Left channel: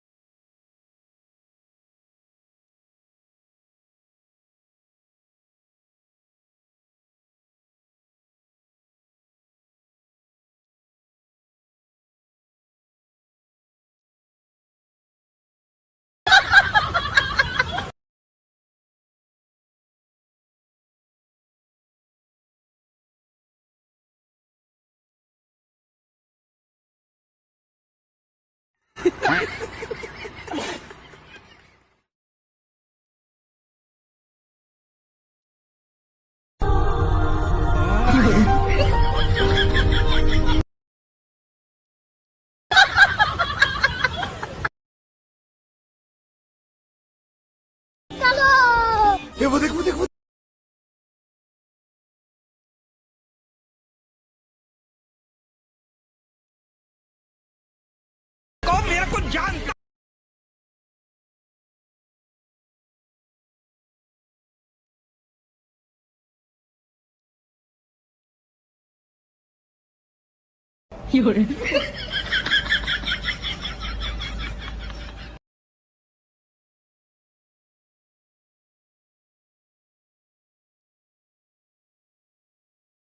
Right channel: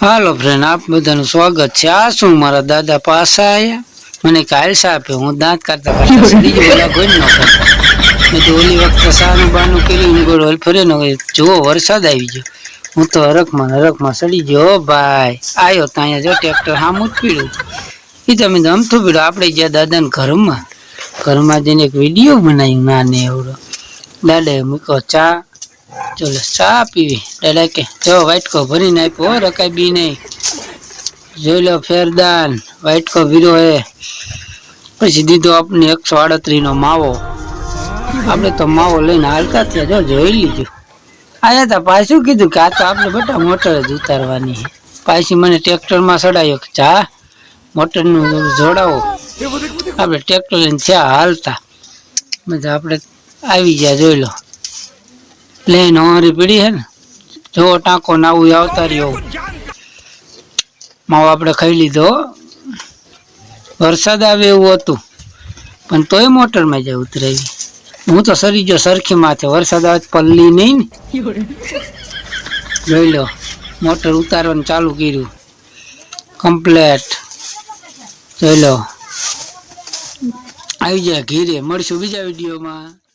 હાલો friend, આપ બધાનું સ્વાગત છે। આ શું મારા દાદા પાછા આયા મને કાલ સાપે હું દાંત કાઢતા કાઢતા સડી ગયો ઓલા કોઈ ન કરતા મેં તો ઓલી વખતે સાનું બાનું કર્યું ગોળ ફરે ને જો વરસાદ આવી ગયો હું તો હરખમાં સડી ગયો ભાઈ આયો ત્યાં જો ટ્રેક્ટર સામું જ પીડ્યું એ તમે તો અમથું પીડ્યું આપણે ગયા દાદાને ઘરમાં જઈને એક વિડીયો બનાવ્યું નાને એવડો દાદાએ મૂક્યો ચા चलो चा पीवी दादा के जो वाइट को भरी नहीं पो रकाई बी नहीं जो लो फेरदान वाइट को वीरो है પછી દીધો આપણે 138 નો માવો આપણે તો માવો લઈને હાલતા થયા જો જોઈ લીધું આયા તા પાછું કીધું કે આ તો આપણે બેટા મોટર જ ઉતારવાની પાછી મને ટ્રેક્ટર માં સડાયો કે જા મોટર નું જોડાવો આપણે ટ્રેક્ટર લઈને થયા હાલતા મજા આપણે આવી ગયા જોઈ લો प्लेन हमारी पीढ़ी है ना जो टाँको नाऊ आवता रहो माव आपणे खाई लीधो वरसाद आवे एवुं हतुं पण तोय मोटर में ज उतरावी हूँ तो सरी गयो सरखी माथे वरसाद आवे पल्ली नहीं ने जोई लो मोटर उतारवानुं चालू कर्युं कम्प्लीट जोई लो आई जाए घीरे मळीशुं बीजा विडियो में।